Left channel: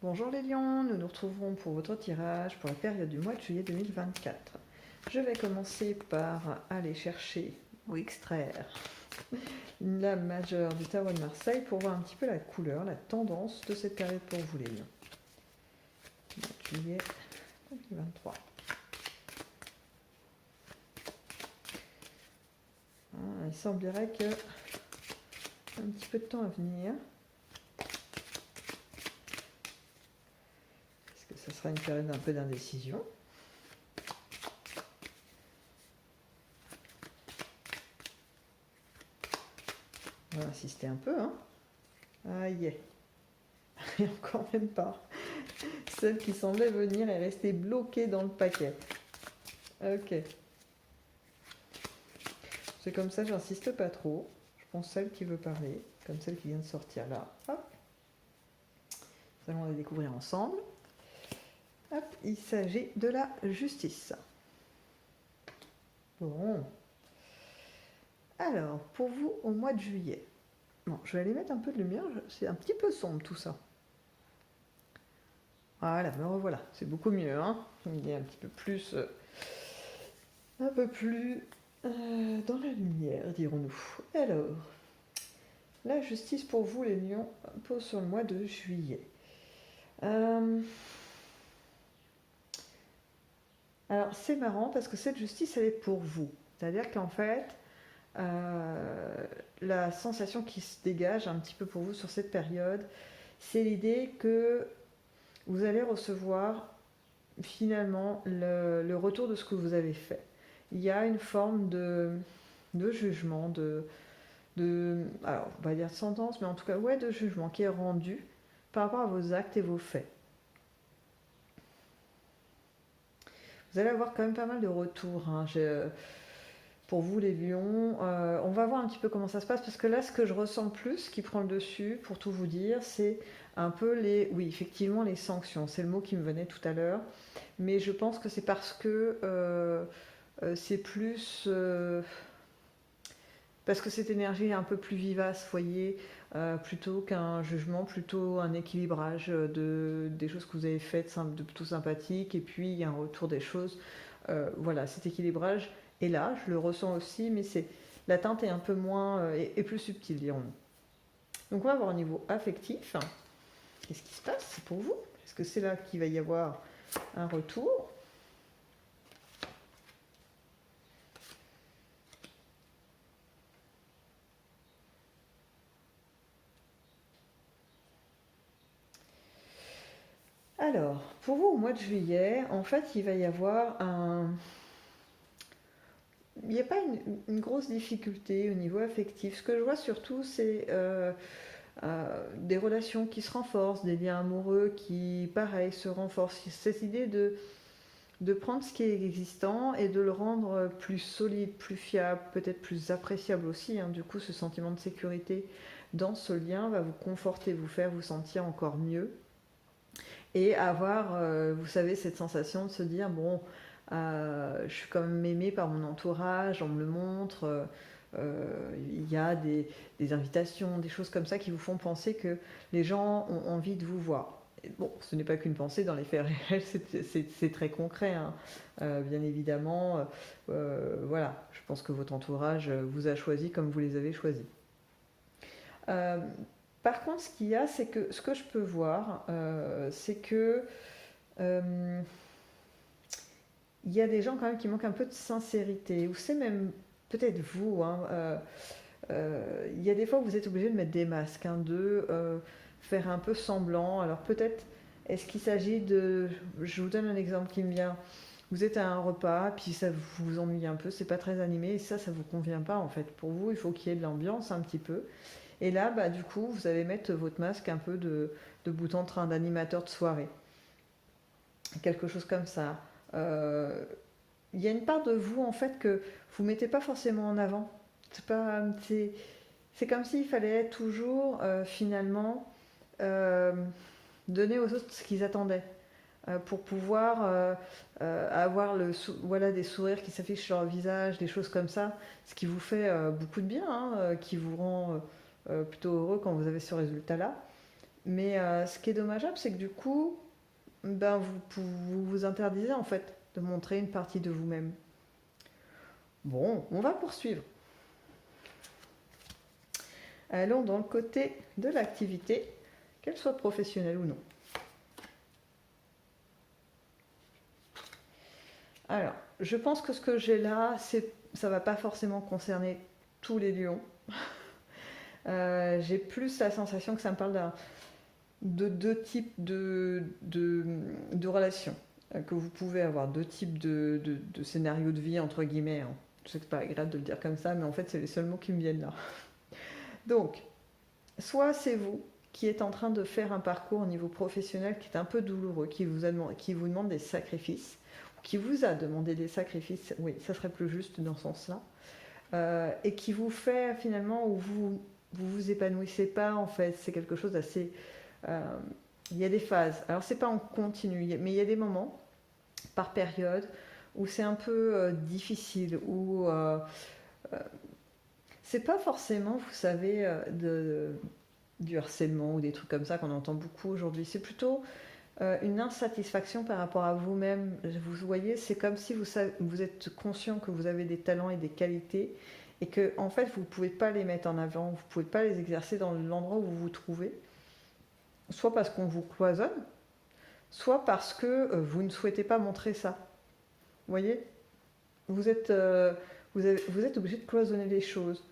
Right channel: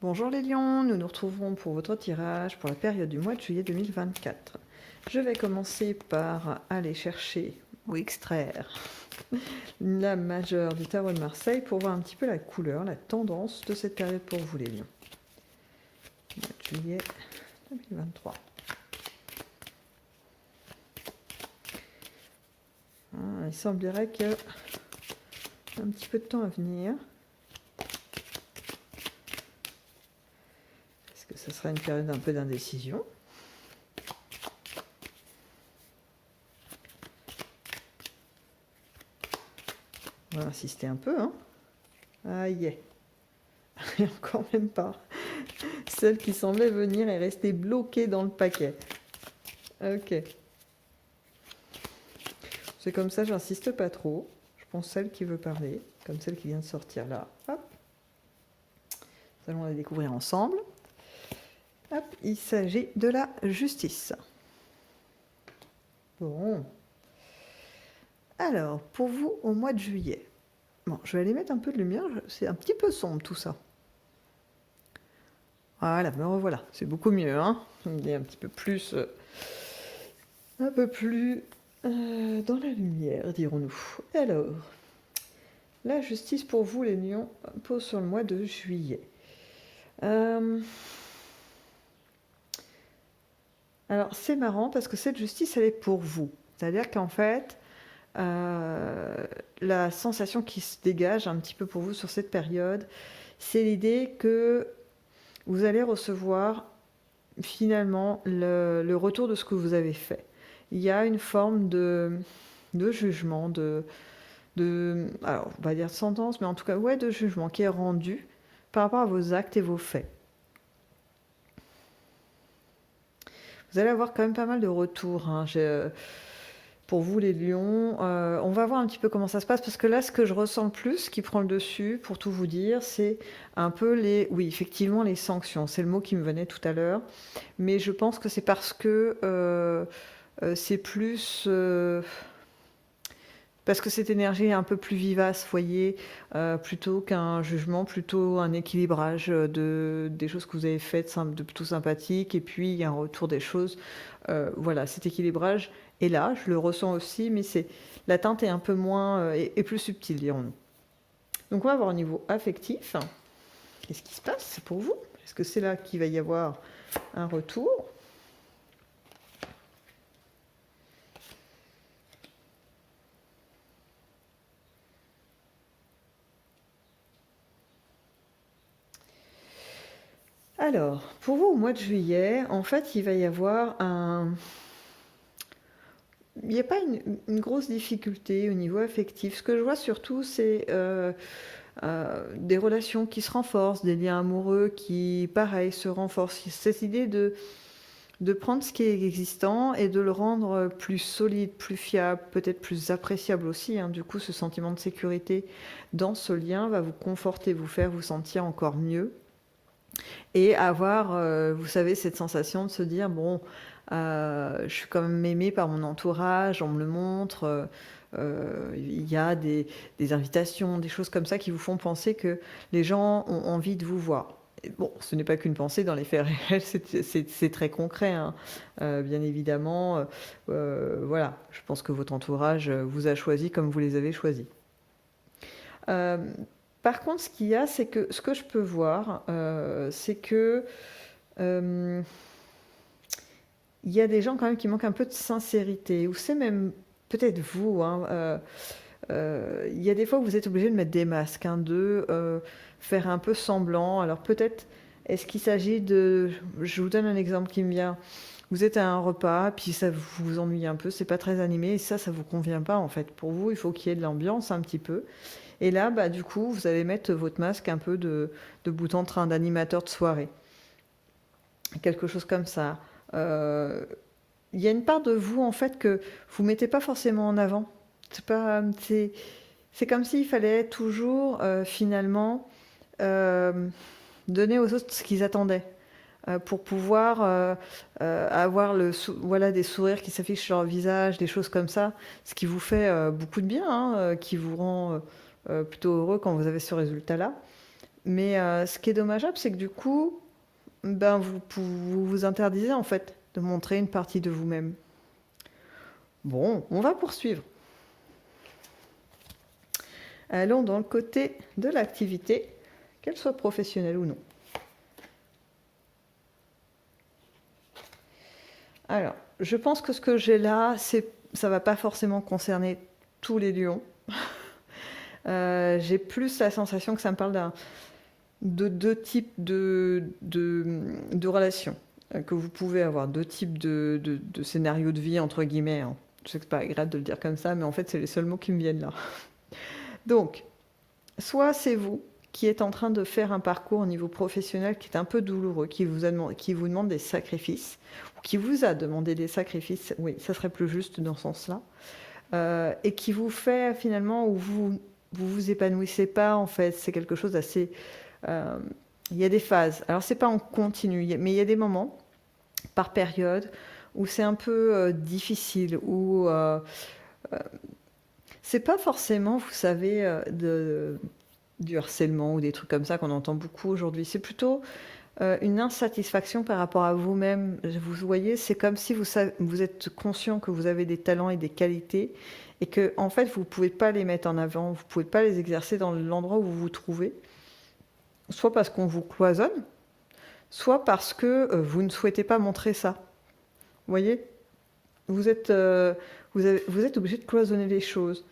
Bonjour les lions, nous nous retrouverons pour votre tirage pour la période du mois de juillet 2024. Je vais commencer par aller chercher ou extraire la majeure du tarot de Marseille pour voir un petit peu la couleur, la tendance de cette période pour vous les lions. Mois de juillet 2023. Il semblerait qu'il y a un petit peu de temps à venir. Est-ce que ce sera une période un peu d'indécision ? On va insister un peu, hein. Aïe, et encore même pas. Celle qui semblait venir est restée bloquée dans le paquet. Ok. C'est comme ça, j'insiste pas trop. Je pense celle qui veut parler, comme celle qui vient de sortir là. Hop. Nous allons la découvrir ensemble. Hop, il s'agit de la justice. Bon. Alors, pour vous, au mois de juillet. Bon, je vais aller mettre un peu de lumière. C'est un petit peu sombre tout ça. Voilà, me revoilà. C'est beaucoup mieux, hein. Il est un petit peu plus... un peu plus dans la lumière, dirons-nous. Alors, la justice pour vous, les lions, pose sur le mois de juillet. Alors, c'est marrant parce que cette justice, elle est pour vous. C'est-à-dire qu'en fait, la sensation qui se dégage un petit peu pour vous sur cette période, c'est l'idée que vous allez recevoir finalement le retour de ce que vous avez fait. Il y a une forme de jugement, alors on va dire de sentence, mais en tout cas, ouais, de jugement qui est rendu par rapport à vos actes et vos faits. Vous allez avoir quand même pas mal de retours, hein. Pour vous les lions, on va voir un petit peu comment ça se passe, parce que là, ce que je ressens le plus, qui prend le dessus, pour tout vous dire, c'est un peu oui, effectivement, les sanctions. C'est le mot qui me venait tout à l'heure, mais je pense que c'est parce que c'est plus... parce que cette énergie est un peu plus vivace, voyez, plutôt qu'un jugement, plutôt un équilibrage des choses que vous avez faites de plutôt sympathiques, et puis il y a un retour des choses. Voilà, cet équilibrage est là, je le ressens aussi, mais la teinte est un peu moins et plus subtile, dirons-nous. Donc on va voir au niveau affectif. Qu'est-ce qui se passe pour vous? Est-ce que c'est là qu'il va y avoir un retour? Alors, pour vous, au mois de juillet, en fait, il va y avoir il n'y a pas une grosse difficulté au niveau affectif. Ce que je vois surtout, c'est des relations qui se renforcent, des liens amoureux qui, pareil, se renforcent. Cette idée de prendre ce qui est existant et de le rendre plus solide, plus fiable, peut-être plus appréciable aussi, hein. Du coup, ce sentiment de sécurité dans ce lien va vous conforter, vous faire vous sentir encore mieux. Et avoir, vous savez, cette sensation de se dire, bon, je suis quand même aimée par mon entourage, on me le montre, il y a des invitations, des choses comme ça qui vous font penser que les gens ont envie de vous voir. Et bon, ce n'est pas qu'une pensée, dans les faits réels, c'est très concret, hein. Bien évidemment. Voilà, je pense que votre entourage vous a choisi comme vous les avez choisis. Par contre, ce qu'il y a, c'est que ce que je peux voir, c'est que il y a des gens quand même qui manquent un peu de sincérité, ou c'est même peut-être vous, hein, il y a des fois où vous êtes obligé de mettre des masques, hein, de faire un peu semblant. Alors peut-être, est-ce qu'il s'agit de... Je vous donne un exemple qui me vient. Vous êtes à un repas, puis ça vous ennuie un peu, c'est pas très animé, et ça vous convient pas en fait. Pour vous, il faut qu'il y ait de l'ambiance un petit peu. Et là, bah, du coup, vous allez mettre votre masque un peu de bout en train, d'animateur de soirée. Quelque chose comme ça. Il y a une part de vous, en fait, que vous ne mettez pas forcément en avant. C'est comme s'il fallait toujours, finalement, donner aux autres ce qu'ils attendaient. Pour pouvoir avoir voilà, des sourires qui s'affichent sur leur visage, des choses comme ça, ce qui vous fait beaucoup de bien, hein, qui vous rend plutôt heureux quand vous avez ce résultat-là. Mais ce qui est dommageable, c'est que du coup, ben, vous vous interdisez en fait de montrer une partie de vous-même. Bon, on va poursuivre. Allons dans le côté de l'activité, qu'elle soit professionnelle ou non. Alors, je pense que ce que j'ai là, ça va pas forcément concerner tous les lions. J'ai plus la sensation que ça me parle de deux types de relations que vous pouvez avoir, deux types de scénarios de vie, entre guillemets, hein. Je sais que c'est pas agréable de le dire comme ça, mais en fait, c'est les seuls mots qui me viennent là. Donc, soit c'est vous qui êtes en train de faire un parcours au niveau professionnel qui est un peu douloureux, qui vous demande des sacrifices, ou qui vous a demandé des sacrifices, oui, ça serait plus juste dans ce sens-là, et qui vous fait finalement où vous épanouissez pas, en fait, c'est quelque chose d'assez... il y a des phases, alors c'est pas en continu, mais il y a des moments, par période, où c'est un peu difficile, où c'est pas forcément, vous savez, du harcèlement ou des trucs comme ça qu'on entend beaucoup aujourd'hui. C'est plutôt une insatisfaction par rapport à vous-même. Vous voyez, c'est comme si vous êtes conscient que vous avez des talents et des qualités et que en fait vous ne pouvez pas les mettre en avant, vous ne pouvez pas les exercer dans l'endroit où vous vous trouvez, soit parce qu'on vous cloisonne, soit parce que vous ne souhaitez pas montrer ça. Vous voyez, vous êtes, vous êtes obligé de cloisonner les choses.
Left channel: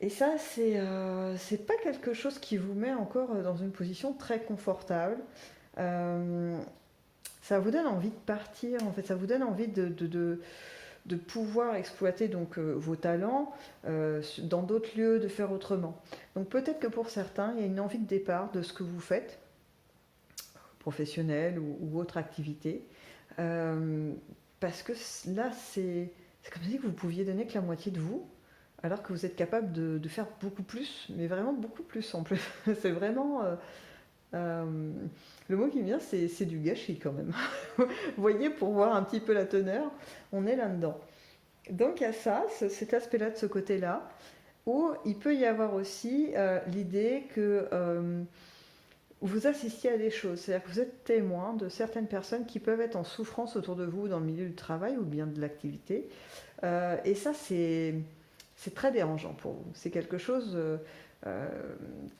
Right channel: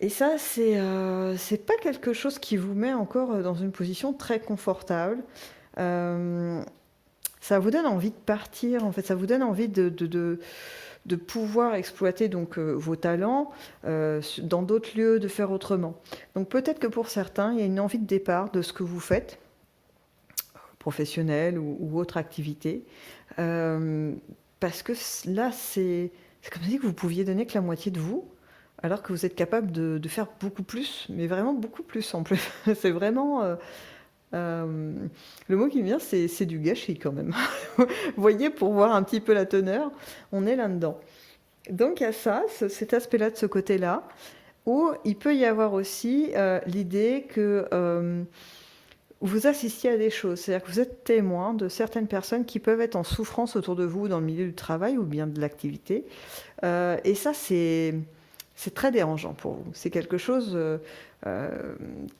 Et ça, c'est pas quelque chose qui vous met encore dans une position très confortable. Euh, Ça vous donne envie de partir, en fait, ça vous donne envie de pouvoir exploiter donc vos talents dans d'autres lieux, de faire autrement. Donc peut-être que pour certains, il y a une envie de départ de ce que vous faites, professionnelle ou autre activité, euh, parce que là, c'est comme si vous pouviez donner que la moitié de vous, alors que vous êtes capable de faire beaucoup plus, mais vraiment beaucoup plus en plus. C'est vraiment... euh, le mot qui me vient, c'est du gâchis quand même. Vous voyez, pour voir un petit peu la teneur, on est là-dedans. Donc il y a ça, cet aspect-là de ce côté-là, où il peut y avoir aussi l'idée que vous assistiez à des choses, c'est-à-dire que vous êtes témoin de certaines personnes qui peuvent être en souffrance autour de vous dans le milieu du travail ou bien de l'activité. Et ça, c'est très dérangeant pour vous. C'est quelque chose euh,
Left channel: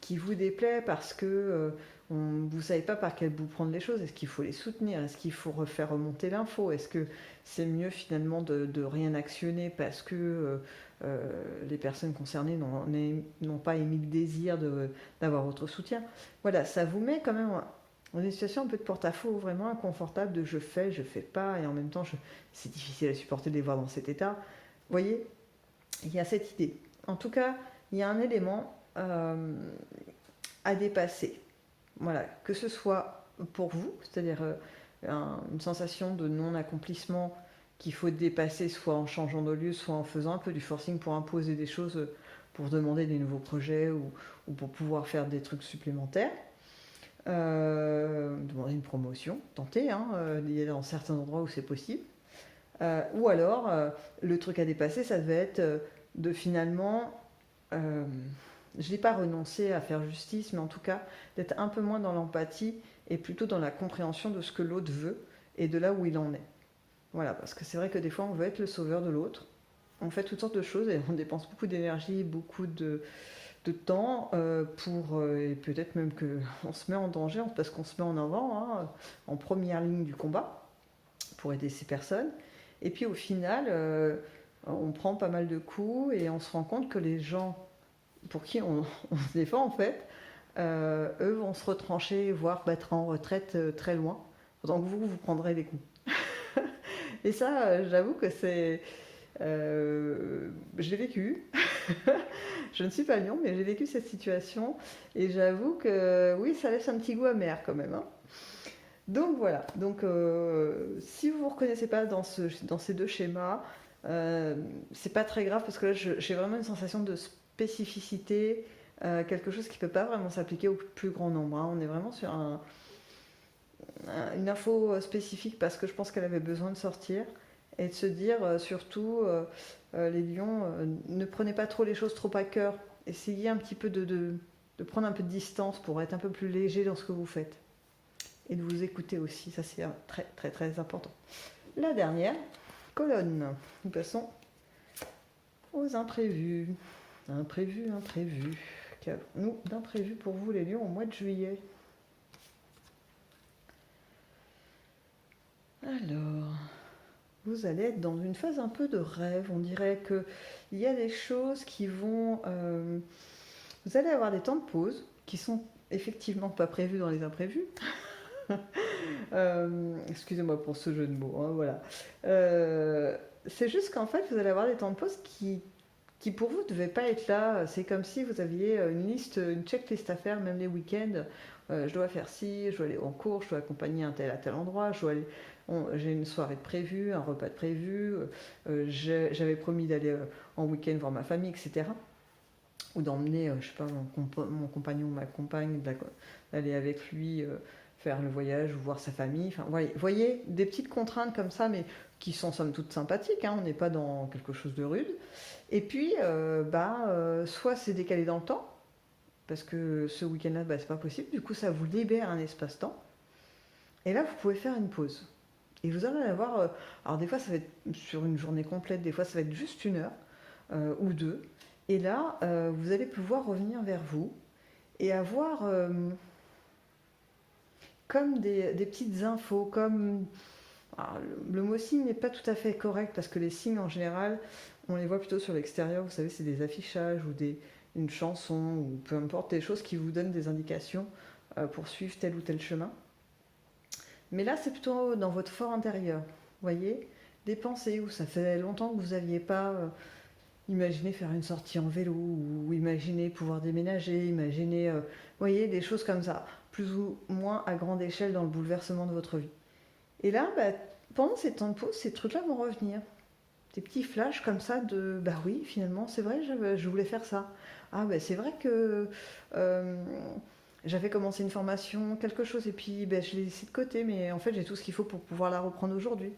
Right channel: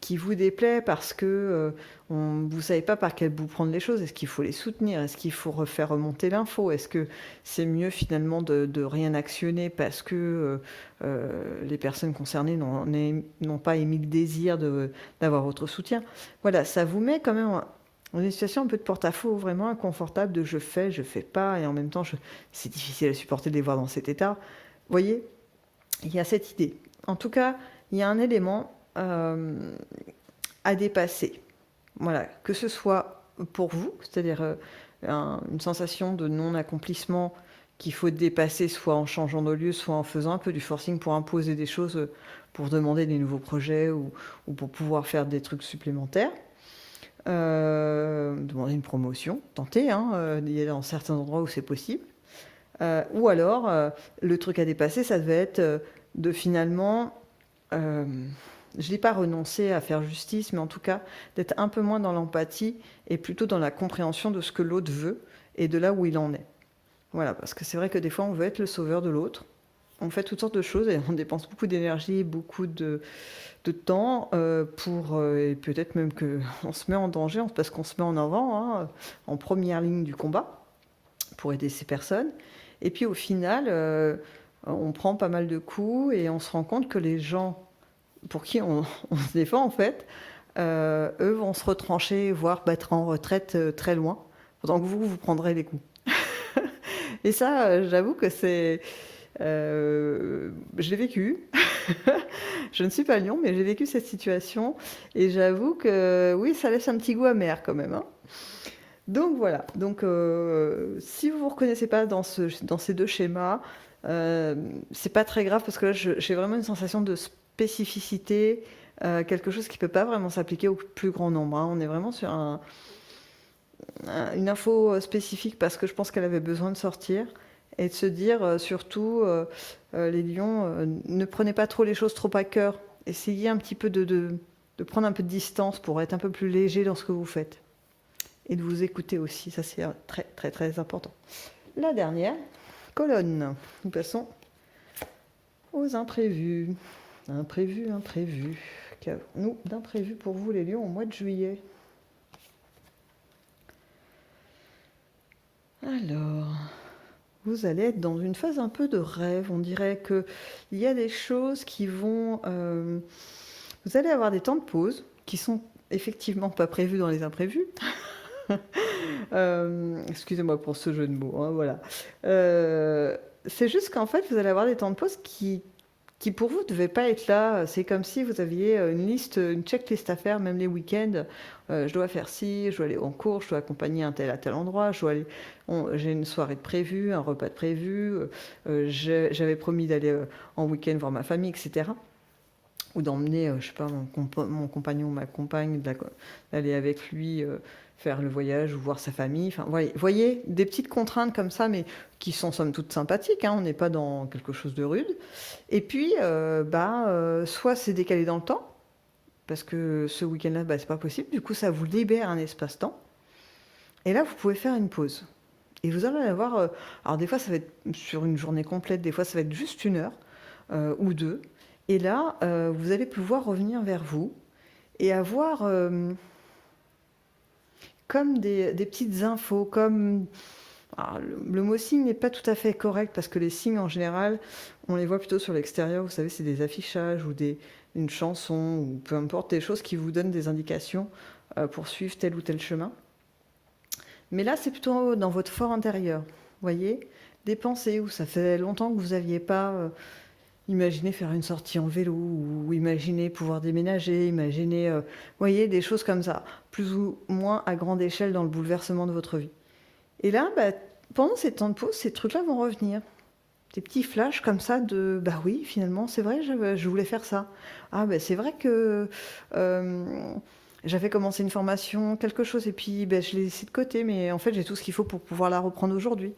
qui vous déplaît parce que vous ne savez pas par quel bout prendre les choses. Est-ce qu'il faut les soutenir? Est-ce qu'il faut refaire remonter l'info? Est-ce que c'est mieux finalement de rien actionner parce que les personnes concernées n'ont pas émis le désir d'avoir votre soutien? Voilà, ça vous met quand même dans une situation un peu de porte-à-faux, vraiment inconfortable de je fais pas, et en même temps c'est difficile à supporter de les voir dans cet état. Vous voyez, il y a cette idée. En tout cas, il y a un élément à dépasser. Voilà, que ce soit pour vous, c'est-à-dire une sensation de non-accomplissement qu'il faut dépasser, soit en changeant de lieu, soit en faisant un peu du forcing pour imposer des choses, pour demander des nouveaux projets ou pour pouvoir faire des trucs supplémentaires. Demander une promotion, tenter, hein, il y a dans certains endroits où c'est possible. Ou alors, le truc à dépasser, ça devait être de finalement, je n'ai pas renoncé à faire justice, mais en tout cas, d'être un peu moins dans l'empathie et plutôt dans la compréhension de ce que l'autre veut et de là où il en est. Voilà, parce que c'est vrai que des fois, on veut être le sauveur de l'autre. On fait toutes sortes de choses et on dépense beaucoup d'énergie, beaucoup de temps et peut-être même qu'on se met en danger parce qu'on se met en avant, hein, en première ligne du combat pour aider ces personnes. Et puis au final, on prend pas mal de coups et on se rend compte que les gens pour qui on se défend en fait, eux vont se retrancher, voire battre en retraite très loin, pendant que vous prendrez les coups. Et ça, j'avoue que je l'ai vécu. Je ne suis pas lion, mais j'ai vécu cette situation. Et j'avoue que oui, ça laisse un petit goût amer quand même, hein. Donc voilà. Donc si vous ne vous reconnaissez pas dans ces deux schémas, c'est pas très grave parce que là, j'ai vraiment une sensation de spécificité, quelque chose qui ne peut pas vraiment s'appliquer au plus grand nombre, hein. On est vraiment sur une info spécifique parce que je pense qu'elle avait besoin de sortir et de se dire surtout les lions, ne prenez pas trop les choses trop à cœur, essayez un petit peu de de prendre un peu de distance pour être un peu plus léger dans ce que vous faites. Et de vous écouter aussi, ça c'est très très très important. La dernière colonne, nous passons aux imprévus. Imprévus. Qu'avons-nous d'imprévu pour vous les lions au mois de juillet? Alors, vous allez être dans une phase un peu de rêve. On dirait qu'il y a des choses qui vont... vous allez avoir des temps de pause qui sont effectivement pas prévus dans les imprévus. Excusez-moi pour ce jeu de mots, hein, voilà. C'est juste qu'en fait, vous allez avoir des temps de pause qui pour vous ne devaient pas être là. C'est comme si vous aviez une checklist à faire, même les week-ends. Je dois faire ci, je dois aller en cours, je dois accompagner un tel à tel endroit, j'ai une soirée de prévue, un repas de prévu, j'avais promis d'aller en week-end voir ma famille, etc. Ou d'emmener, je sais pas, mon compagnon ou ma compagne, d'aller avec lui faire le voyage ou voir sa famille. Enfin, voyez, des petites contraintes comme ça, mais qui sont somme toute sympathiques, hein, on n'est pas dans quelque chose de rude. Et puis, soit c'est décalé dans le temps, parce que ce week-end-là, c'est pas possible, du coup ça vous libère un espace-temps, et là vous pouvez faire une pause. Et vous allez avoir, alors des fois ça va être sur une journée complète, des fois ça va être juste 1 heure ou 2, et là vous allez pouvoir revenir vers vous et avoir comme des petites infos, comme... Alors, le mot signe n'est pas tout à fait correct parce que les signes en général, on les voit plutôt sur l'extérieur. Vous savez, c'est des affichages ou une chanson ou peu importe, des choses qui vous donnent des indications pour suivre tel ou tel chemin. Mais là, c'est plutôt dans votre fort intérieur. Vous voyez, des pensées où ça fait longtemps que vous n'aviez pas imaginé faire une sortie en vélo ou imaginé pouvoir déménager, imaginé, voyez, des choses comme ça, plus ou moins à grande échelle dans le bouleversement de votre vie. Et là, pendant ces temps de pause, ces trucs-là vont revenir. Des petits flashs comme ça de oui, finalement, c'est vrai, je voulais faire ça. Ah, c'est vrai que j'avais commencé une formation, quelque chose, et puis je l'ai laissé de côté, mais en fait, j'ai tout ce qu'il faut pour pouvoir la reprendre aujourd'hui.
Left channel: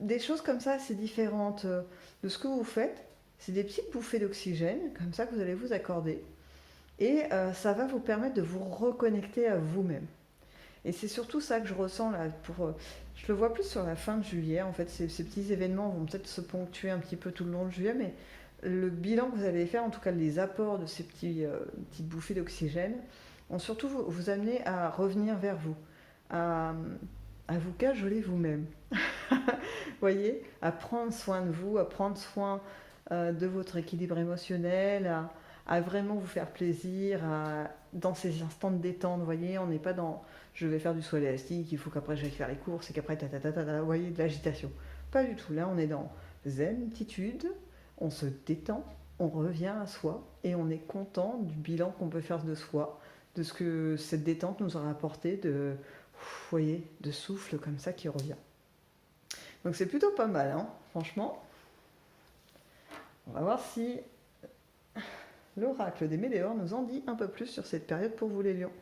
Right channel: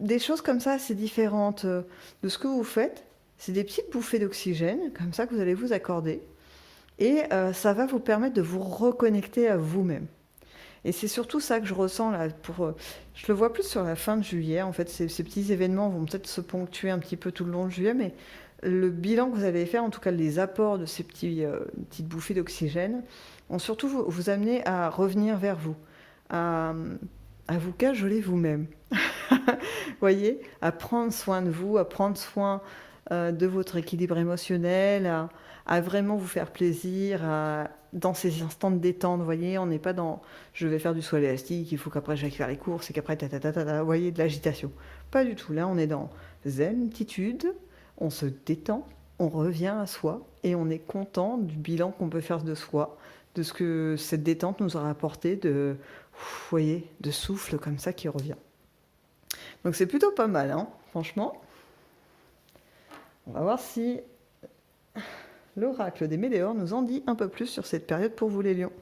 Des choses comme ça, c'est différentes de ce que vous faites. C'est des petites bouffées d'oxygène, comme ça, que vous allez vous accorder. Et ça va vous permettre de vous reconnecter à vous-même. Et c'est surtout ça que je ressens là. Je le vois plus sur la fin de juillet. En fait, ces petits événements vont peut-être se ponctuer un petit peu tout le long de juillet, mais le bilan que vous allez faire, en tout cas les apports de ces petites bouffées d'oxygène, vont surtout vous amener à revenir vers vous, à vous cajoler vous-même. Voyez, à prendre soin de vous, à prendre soin de votre équilibre émotionnel, à vraiment vous faire plaisir, dans ces instants de détente. Vous voyez, on n'est pas dans je vais faire du saut élastique, il faut qu'après j'aille faire les courses et qu'après vous voyez, de l'agitation. Pas du tout. Là, on est dans zenitude, on se détend, on revient à soi et on est content du bilan qu'on peut faire de soi, de ce que cette détente nous aura apporté, vous voyez, de souffle comme ça qui revient. Donc c'est plutôt pas mal, hein, franchement. On va voir si l'oracle des Météores nous en dit un peu plus sur cette période pour vous les lions.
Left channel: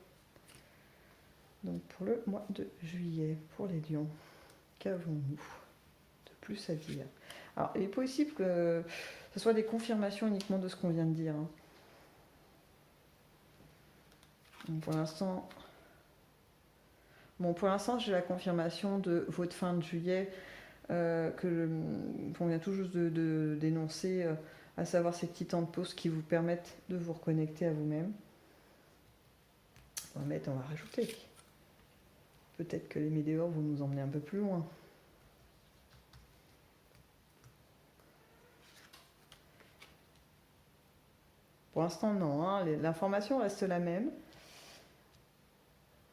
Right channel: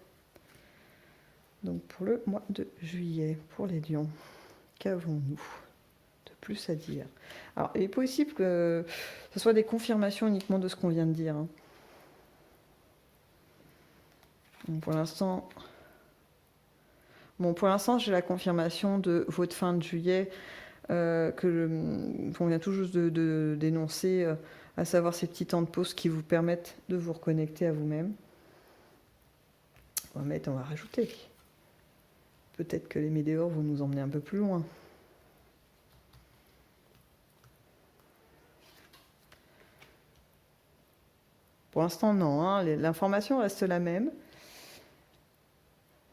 Donc pour le mois de juillet, pour les lions, qu'avons-nous de plus à dire? Alors il est possible que ce soit des confirmations uniquement de ce qu'on vient de dire. Hein. Donc pour l'instant, j'ai la confirmation de votre fin de juillet qu'on vient tout juste de dénoncer, à savoir ces petits temps de pause qui vous permettent de vous reconnecter à vous-même. On va rajouter. Peut-être que les météores vont nous emmener un peu plus loin. Pour l'instant, non. Hein. L'information reste la même.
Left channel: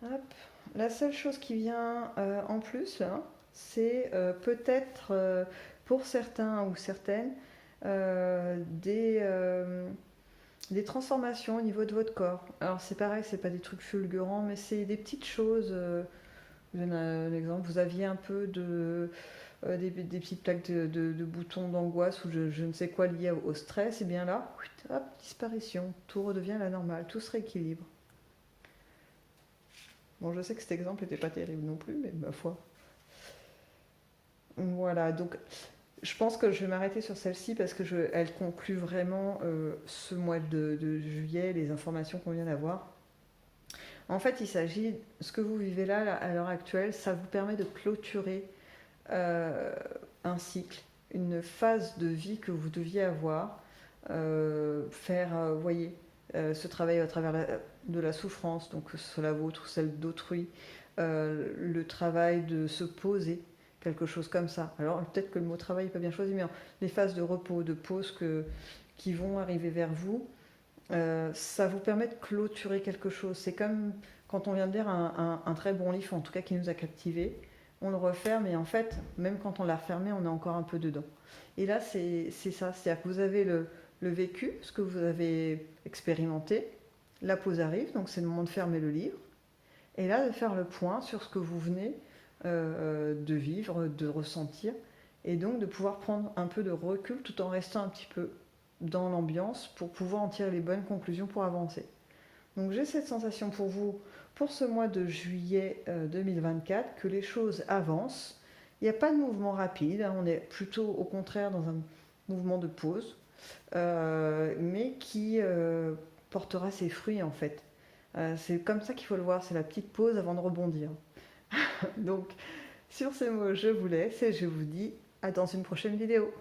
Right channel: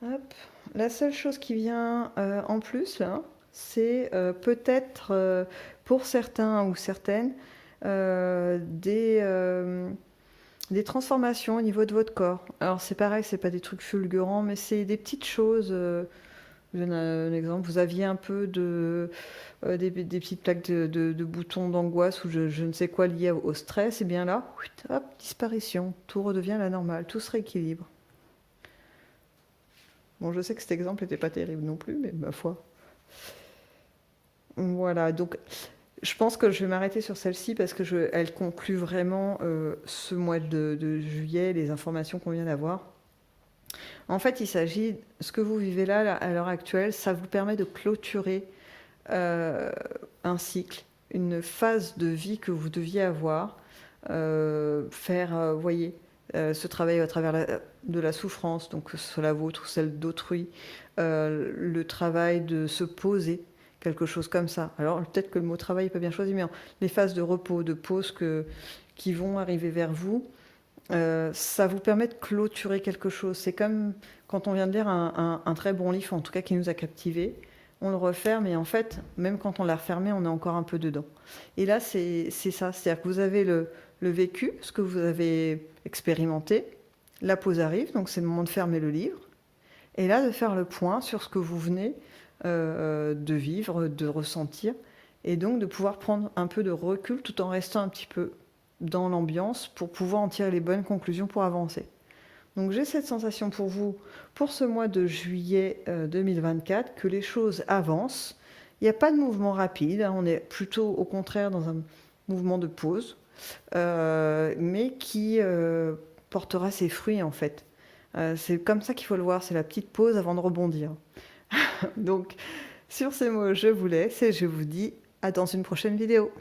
Hop. La seule chose qui vient en plus, là, c'est peut-être pour certains ou certaines des transformations au niveau de votre corps. Alors c'est pareil, c'est pas des trucs fulgurants, mais c'est des petites choses. Je donne un exemple. Vous aviez un peu des petites plaques de boutons d'angoisse ou je ne sais quoi lié au stress, et bien là, hop, disparition. Tout redevient la normale, tout se rééquilibre. Bon, je sais que cet exemple n'était pas terrible non plus, mais ma foi. Voilà, donc Je pense que je vais m'arrêter sur celle-ci parce que elle conclut vraiment ce mois de juillet, les informations qu'on vient d'avoir. En fait, il s'agit, ce que vous vivez là, à l'heure actuelle, ça vous permet de clôturer euh, un cycle, une phase de vie que vous deviez avoir, faire, voyez, ce travail à travers de la souffrance, donc que ce soit la vôtre ou celle d'autrui, le travail de se poser, quelque chose comme ça. Alors peut-être que le mot travail n'est pas bien choisi, mais les phases de repos, de pause qui vont arriver vers vous, ça vous permet de clôturer quelque chose. C'est comme quand on vient de lire un très bon livre, en tout cas qui nous a captivés, on le referme et en fait, même quand on l'a refermé, on est encore un peu dedans. Et là, c'est ça, c'est-à-dire que vous avez le vécu, ce que vous avez expérimenté, la pause arrive, donc c'est le moment de fermer le livre, et là de faire le point sur ce que vous venez de vivre, de ressentir, et donc de pouvoir prendre un peu de recul tout en restant un petit peu dans l'ambiance pour pouvoir en tirer les bonnes conclusions pour avancer. Donc j'ai cette sensation pour vous, pour ce mois de juillet 2024, que les choses avancent. Il n'y a pas de mouvement rapide, hein, on est plutôt au contraire dans un mouvement de pause, mais qui portera ses fruits en fait. C'est comme ça qu'il faut le voir, c'est la petite pause avant de rebondir. Donc sur ces mots, je vous laisse et je vous dis à dans une prochaine vidéo.